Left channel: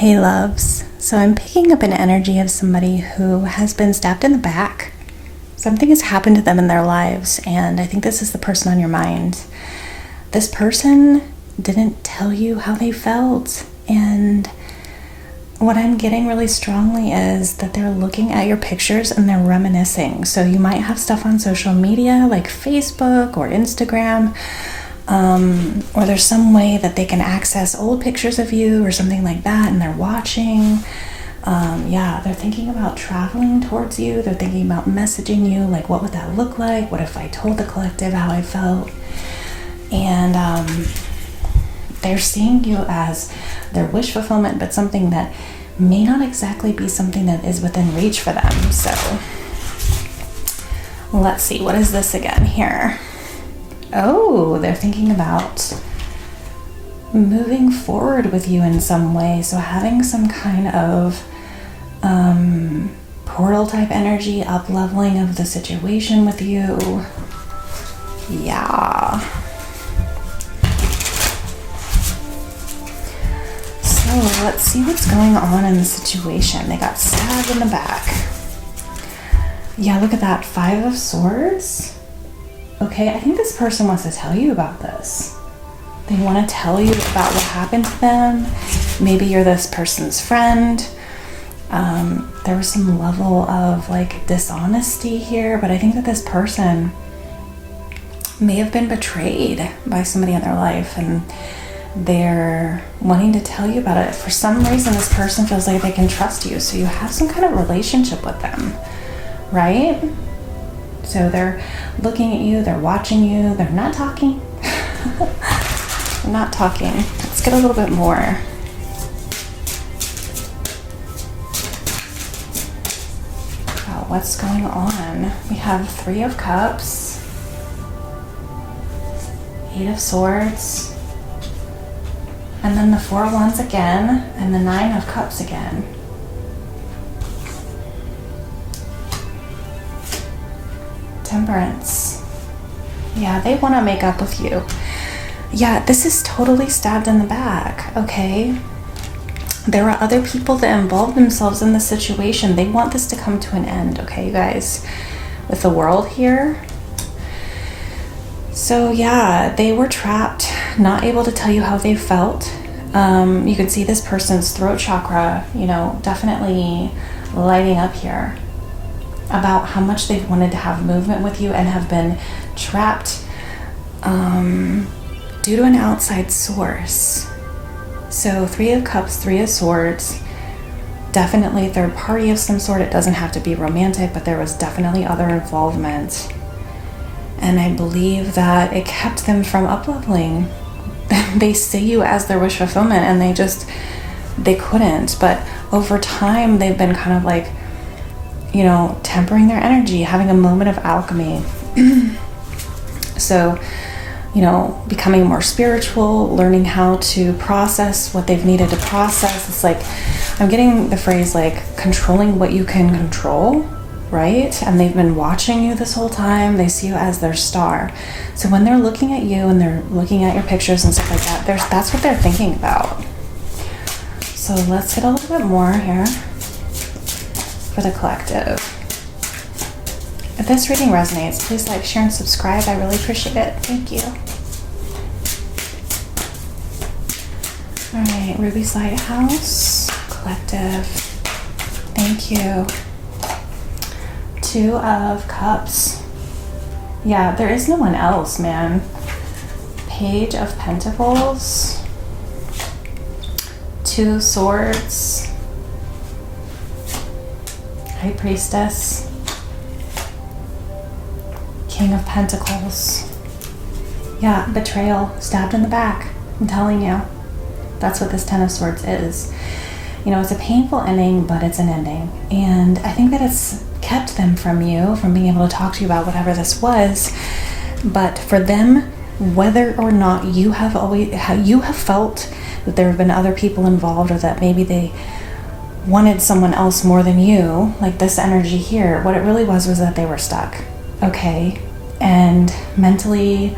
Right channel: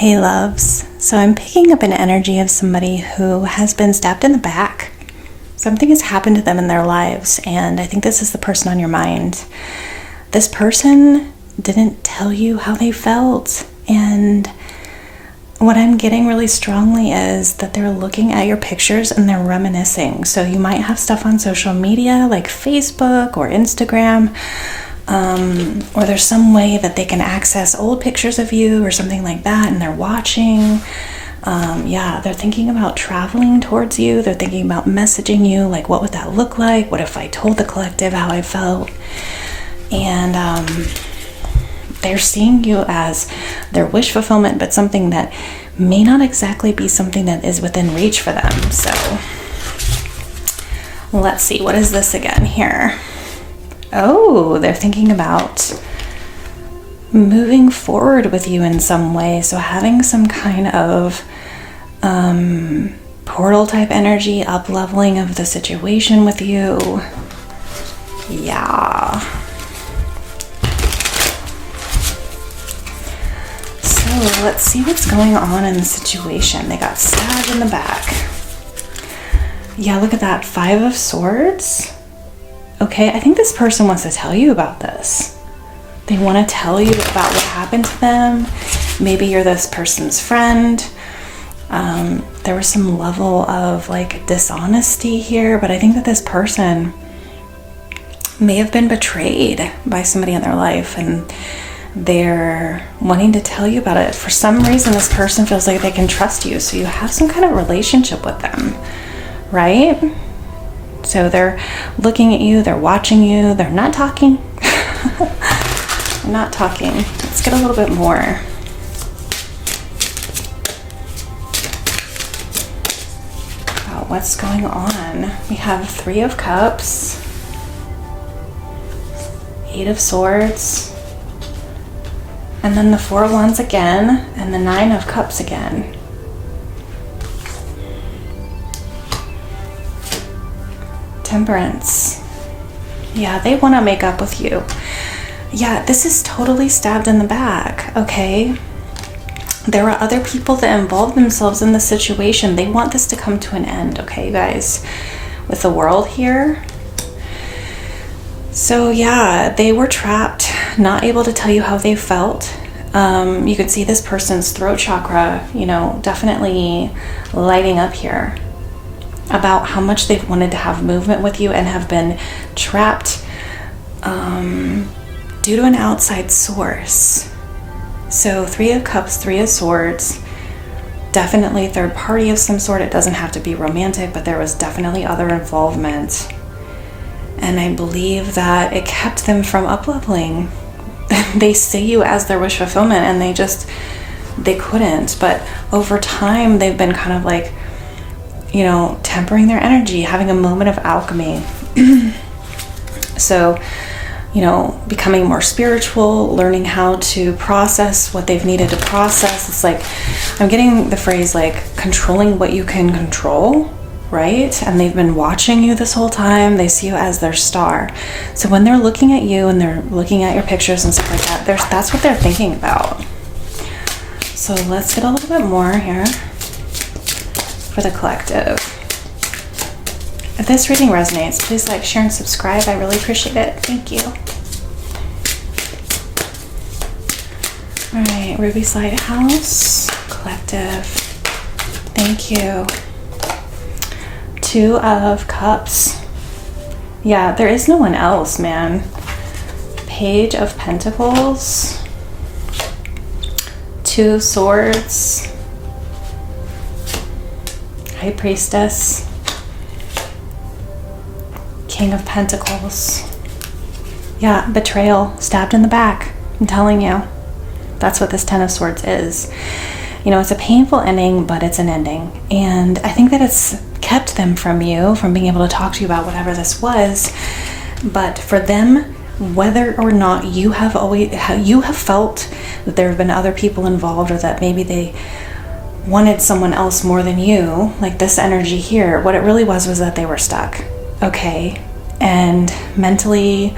Hey loves, so I'm picking up an energy of somebody who has been stabbed in the back. Something has happened to them in their lives, and I think this is the person on your mind. This person didn't tell you how they felt, and what I'm getting really strongly is that they're looking at your pictures and they're reminiscing. So you might have stuff on social media like Facebook or Instagram, or there's some way that they can access old pictures of you or something like that, and they're watching. They're thinking about traveling towards you. They're thinking about messaging you, like, what would that look like? What if I told the collective how I felt? And they're seeing you as their wish fulfillment, but something that may not exactly be something that is within reach for them. So let's see, what is this again here? Oh, they're thinking about moving forward with you in some way. So having some kind of portal type energy, up leveling of the situation with you. Yeah. So let's see what's going on in the situation. They got stabbed in the back. Yeah, look at that. 5 of Swords. Okay, I think this person wants to tell you about this. They want to tell you about what happened to them. Maybe you're this person's friend. There was some level of like dishonesty here, but I think that this person may have been betrayed by somebody in their life, and they're wanting to tell you about it. For some reason, this person feels like they can trust you, so you have some kind of relationship with them, right? So they're looking at you, they're watching you, they're not talking. They're not talking. Let's get a little bit more. Wow, what's going on? We have 3 of Cups, 8 of Swords, and then the 4 of Wands again, and the 9 of Cups again. Temperance. Yeah, they want to make up with you. Yeah, this is totally stabbed in the back, okay? There are other people that involve themselves in the situation. They want this to come to an end, okay, guys? With the World here. So yeah, they were trapped, not able to tell you how they felt. You can see this person's throat chakra, definitely lighting up here, about how much they've wanted to have movement with you and have been trapped due to an outside source. So 3 of Cups, 3 of Swords, definitely third party of some sort. It doesn't have to be romantic, but there was definitely other involvement. And I believe that it kept them from up-leveling. They see you as their wish fulfillment, and they couldn't. But over time, they've been kind of like, tempering their energy, having a moment of alchemy. So, becoming more spiritual, learning how to process what they've needed to process. It's like, I'm getting the phrase like controlling what you can control, right? And they've been watching you this whole time. They see you as their star. So when they're looking at you and they're looking at your pictures and stuff like that, that's what they're thinking about. So let's get a little bit more here for the collective. If this reading resonates, please like, share, and subscribe. I really appreciate it. Thank you. All right, Ruby's Lighthouse, collective. Thank you. 2 of Cups. Yeah, there is no one else, man. Page of Pentacles. 2 of Swords. High Priestess. King of Pentacles. Yeah, betrayal, stabbed in the back. I'm telling you. That's what this 10 of Swords is. It's a painful ending, but it's an ending. And I think that it's kept them from you, from being able to talk to you about whatever this was. But for them, whether or not you have felt that there have been other people involved, or that maybe they wanted someone else more than you, like this energy here, what it really was that they were stuck. Okay. And mentally,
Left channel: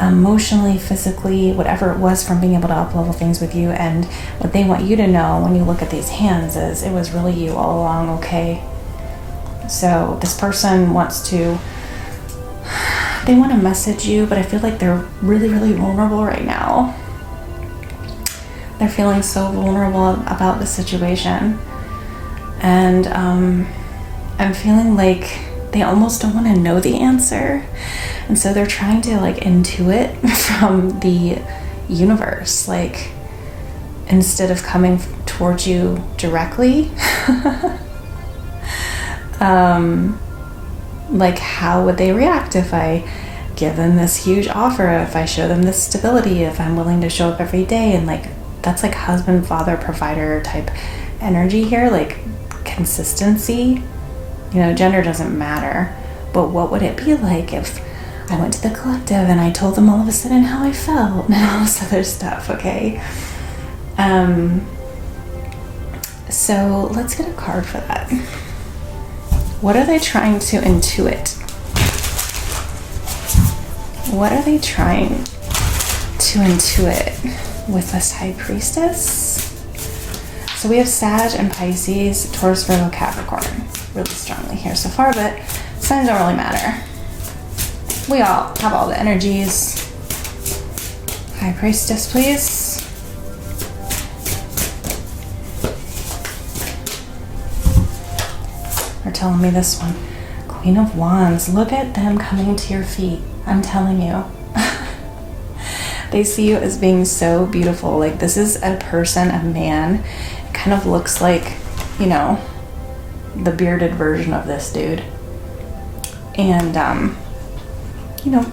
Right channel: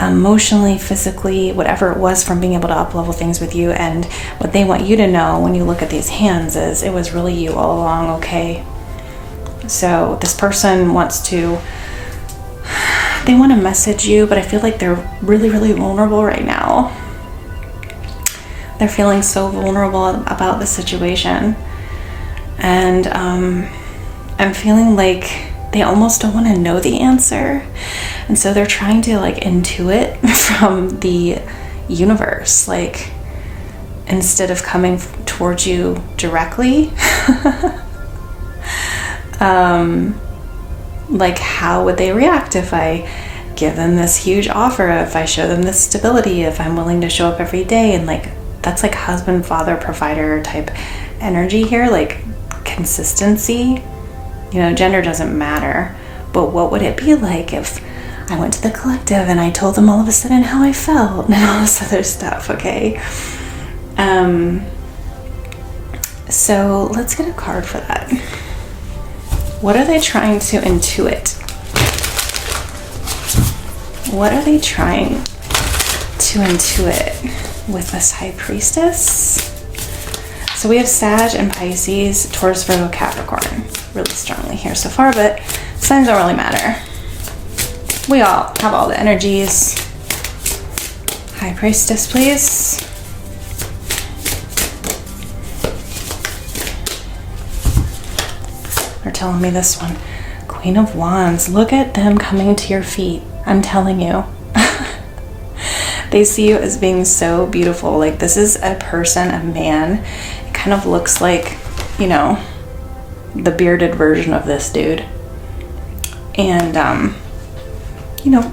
emotionally, physically, whatever it was, from being able to up-level things with you. And what they want you to know when you look at these hands is it was really you all along, okay? So this person wants to, they want to message you, but I feel like they're really, really vulnerable right now. They're feeling so vulnerable about the situation. And I'm feeling like they almost don't want to know the answer. And so they're trying to like intuit from the universe, like instead of coming towards you directly. Like how would they react if I give them this huge offer, if I show them this stability, if I'm willing to show up every day? And like that's like husband, father, provider type energy here, like consistency. You know, gender doesn't matter, but what would it be like if I went to the collective and I told them all of a sudden how I felt and all this other stuff, okay? So let's get a card for that. What are they trying to intuit? What are they trying to intuit with this High Priestess? So we have Sag and Pisces, Taurus, Virgo, Capricorn really strongly here so far, but signs don't really matter. We all have all the energies. High Priestess, please. They're telling me this one. Queen of Wands. Look at them coming to your feet. I'm telling you. They see you as being so beautiful. Like this is a person, a man. It kind of looks like, you know, the bearded version of this dude. And, you know,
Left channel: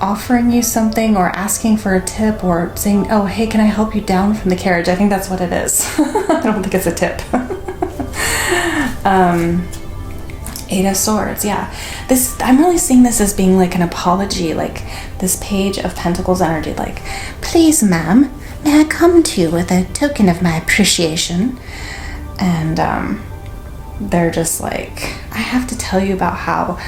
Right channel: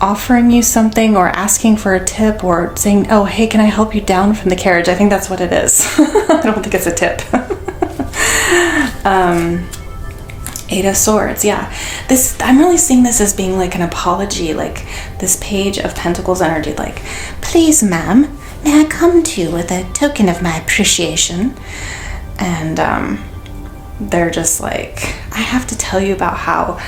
offering you something or asking for a tip or saying, oh, hey, can I help you down from the carriage? I think that's what it is. I don't think it's a tip. Eight of Swords, yeah. This, I'm really seeing this as being like an apology, like this Page of Pentacles energy, like, please, ma'am, may I come to you with a token of my appreciation? And they're just like, I have to tell you about how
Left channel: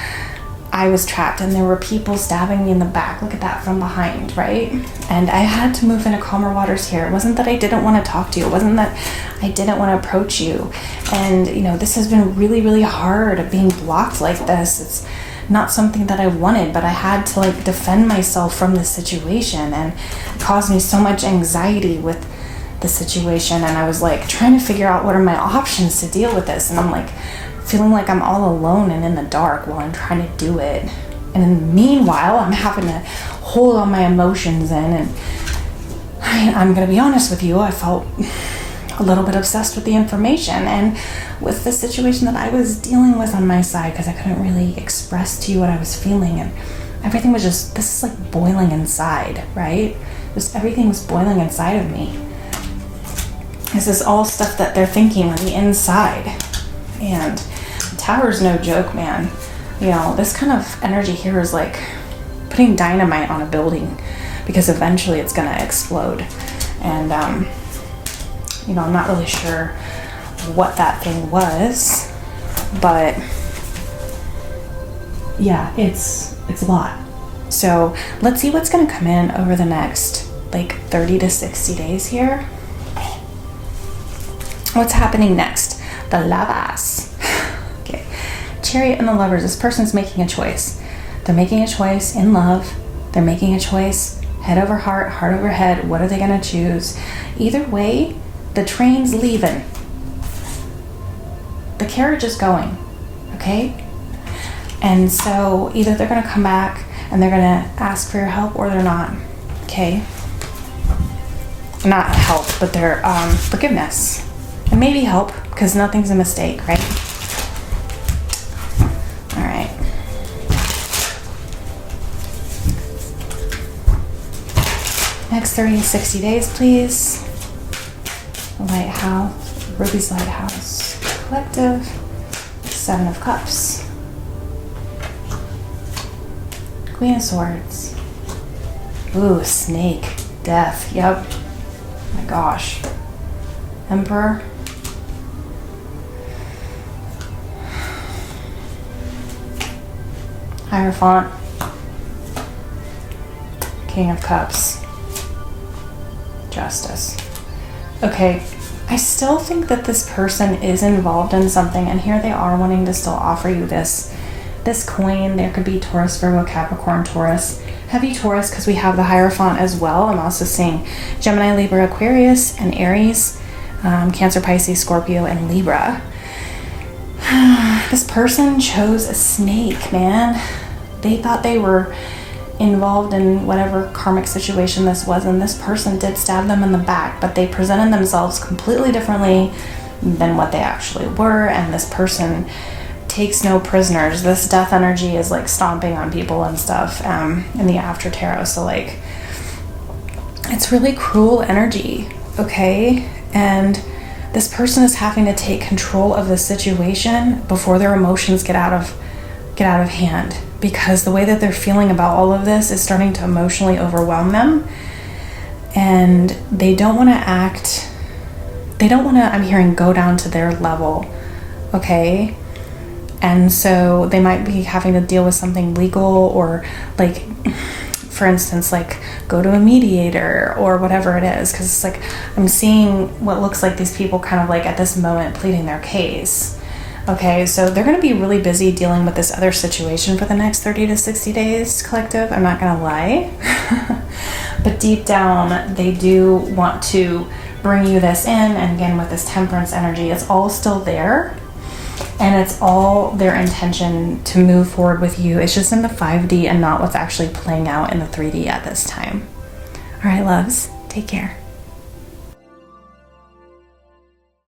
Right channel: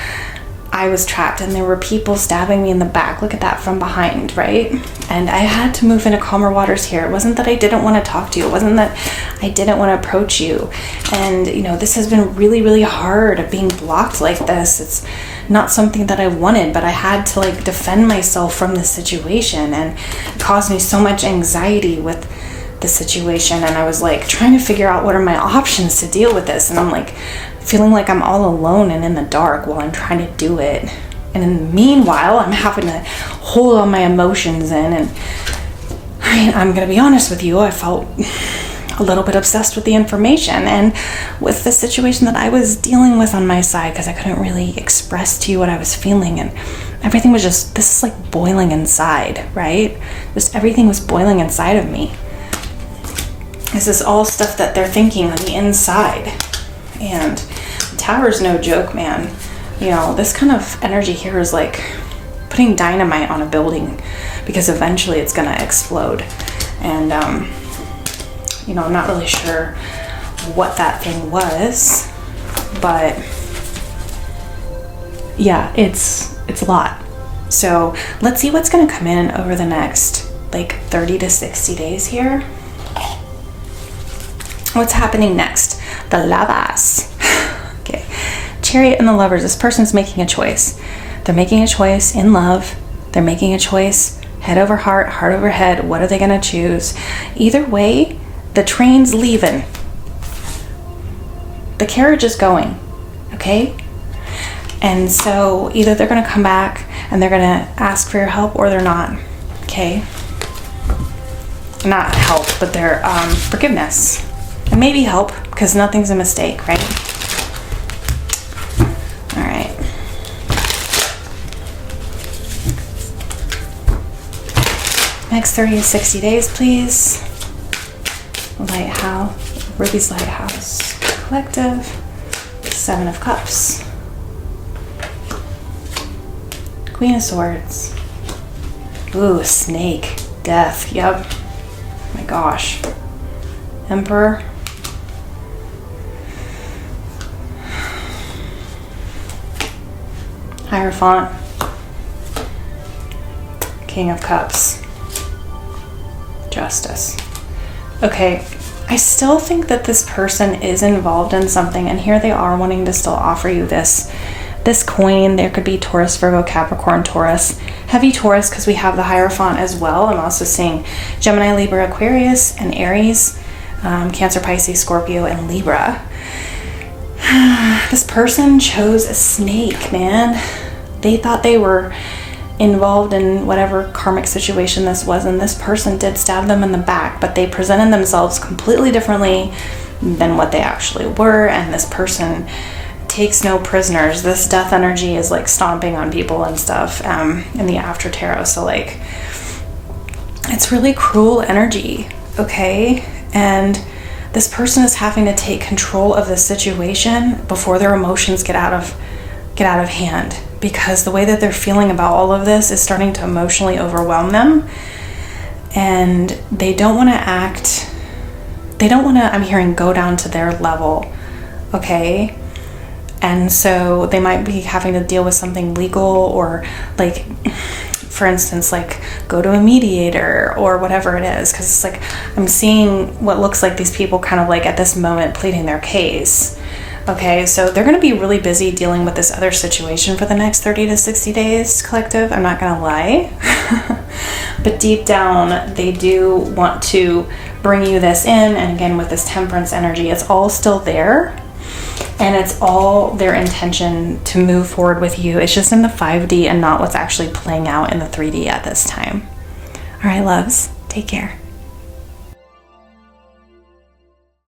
I was trapped and there were people stabbing me in the back. Look at that from behind, right? And I had to move into calmer waters here. It wasn't that I didn't want to talk to you. It wasn't that I didn't want to approach you. And, you know, this has been really, really hard being blocked like this. It's not something that I wanted, but I had to like defend myself from the situation, and it caused me so much anxiety with the situation. And I was like trying to figure out what are my options to deal with this. And I'm like feeling like I'm all alone and in the dark while I'm trying to do it. And meanwhile, I'm having to hold all my emotions in. And I'm going to be honest with you, I felt a little bit obsessed with the information and with the situation that I was dealing with on my side, because I couldn't really express to you what I was feeling. And everything was just, this is like boiling inside, right? Just everything was boiling inside of me. This is all stuff that they're thinking on the inside. And the Tower's no joke, man. You know, this kind of energy here is like putting dynamite on a building, because eventually it's gonna explode. And you know, I'm not really sure what that thing was, but yeah, it's a lot. So let's see what's gonna come in over the next like 30 to 60 days here. What's happening next? The Lovers. Okay. Chariot and the Lovers. This person's making a choice. They're making a choice in love. They're making a choice head over heart, heart over head. What are they going to choose? Either way, the train's leaving. The carriage is going. Okay? And so either they're going to come back and they're going to ask for your help, or they're not. Okay? Not help, but their forgiveness. And maybe help, because nothing's a mistake, right? All right. Next 30 to 60 days, please. Lighthouse, Ruby's Lighthouse Collective, Seven of Cups, Queen of Swords. Ooh, Snake, Death, yep. Oh my gosh. Emperor. Hierophant. King of Cups. Justice. Okay, I still think that this person is involved in something, and here they are wanting to still offer you this coin. There could be Taurus, Virgo, Capricorn, Taurus. Heavy Taurus, because we have the Hierophant as well. I'm also seeing Gemini, Libra, Aquarius, and Aries, Cancer, Pisces, Scorpio, and Libra. This person chose a snake, man. They thought they were involved in whatever karmic situation this was, and this person did stab them in the back, but they presented themselves completely differently than what they actually were, and this person takes no prisoners. This death energy is like stomping on people and stuff in the after tarot, so like it's really cruel energy, okay? And this person is having to take control of the situation before their emotions get out of hand, because the way that they're feeling about all of this is starting to emotionally overwhelm them, and they don't want to I'm hearing, go down to their level, okay? And so they might be having to deal with something legal, or like, for instance, like go to a mediator or whatever it is, because it's like I'm seeing what looks like these people kind of like at this moment pleading their case. Okay, so they're going to be really busy dealing with this other situation for the next 30 to 60 days, collective. I'm not going to lie. But deep down, they do want to bring you this in. And again, with this Temperance energy, it's all still there. And it's all their intention to move forward with you. It's just in the 5D and not what's actually playing out in the 3D at this time. All right, loves, take care.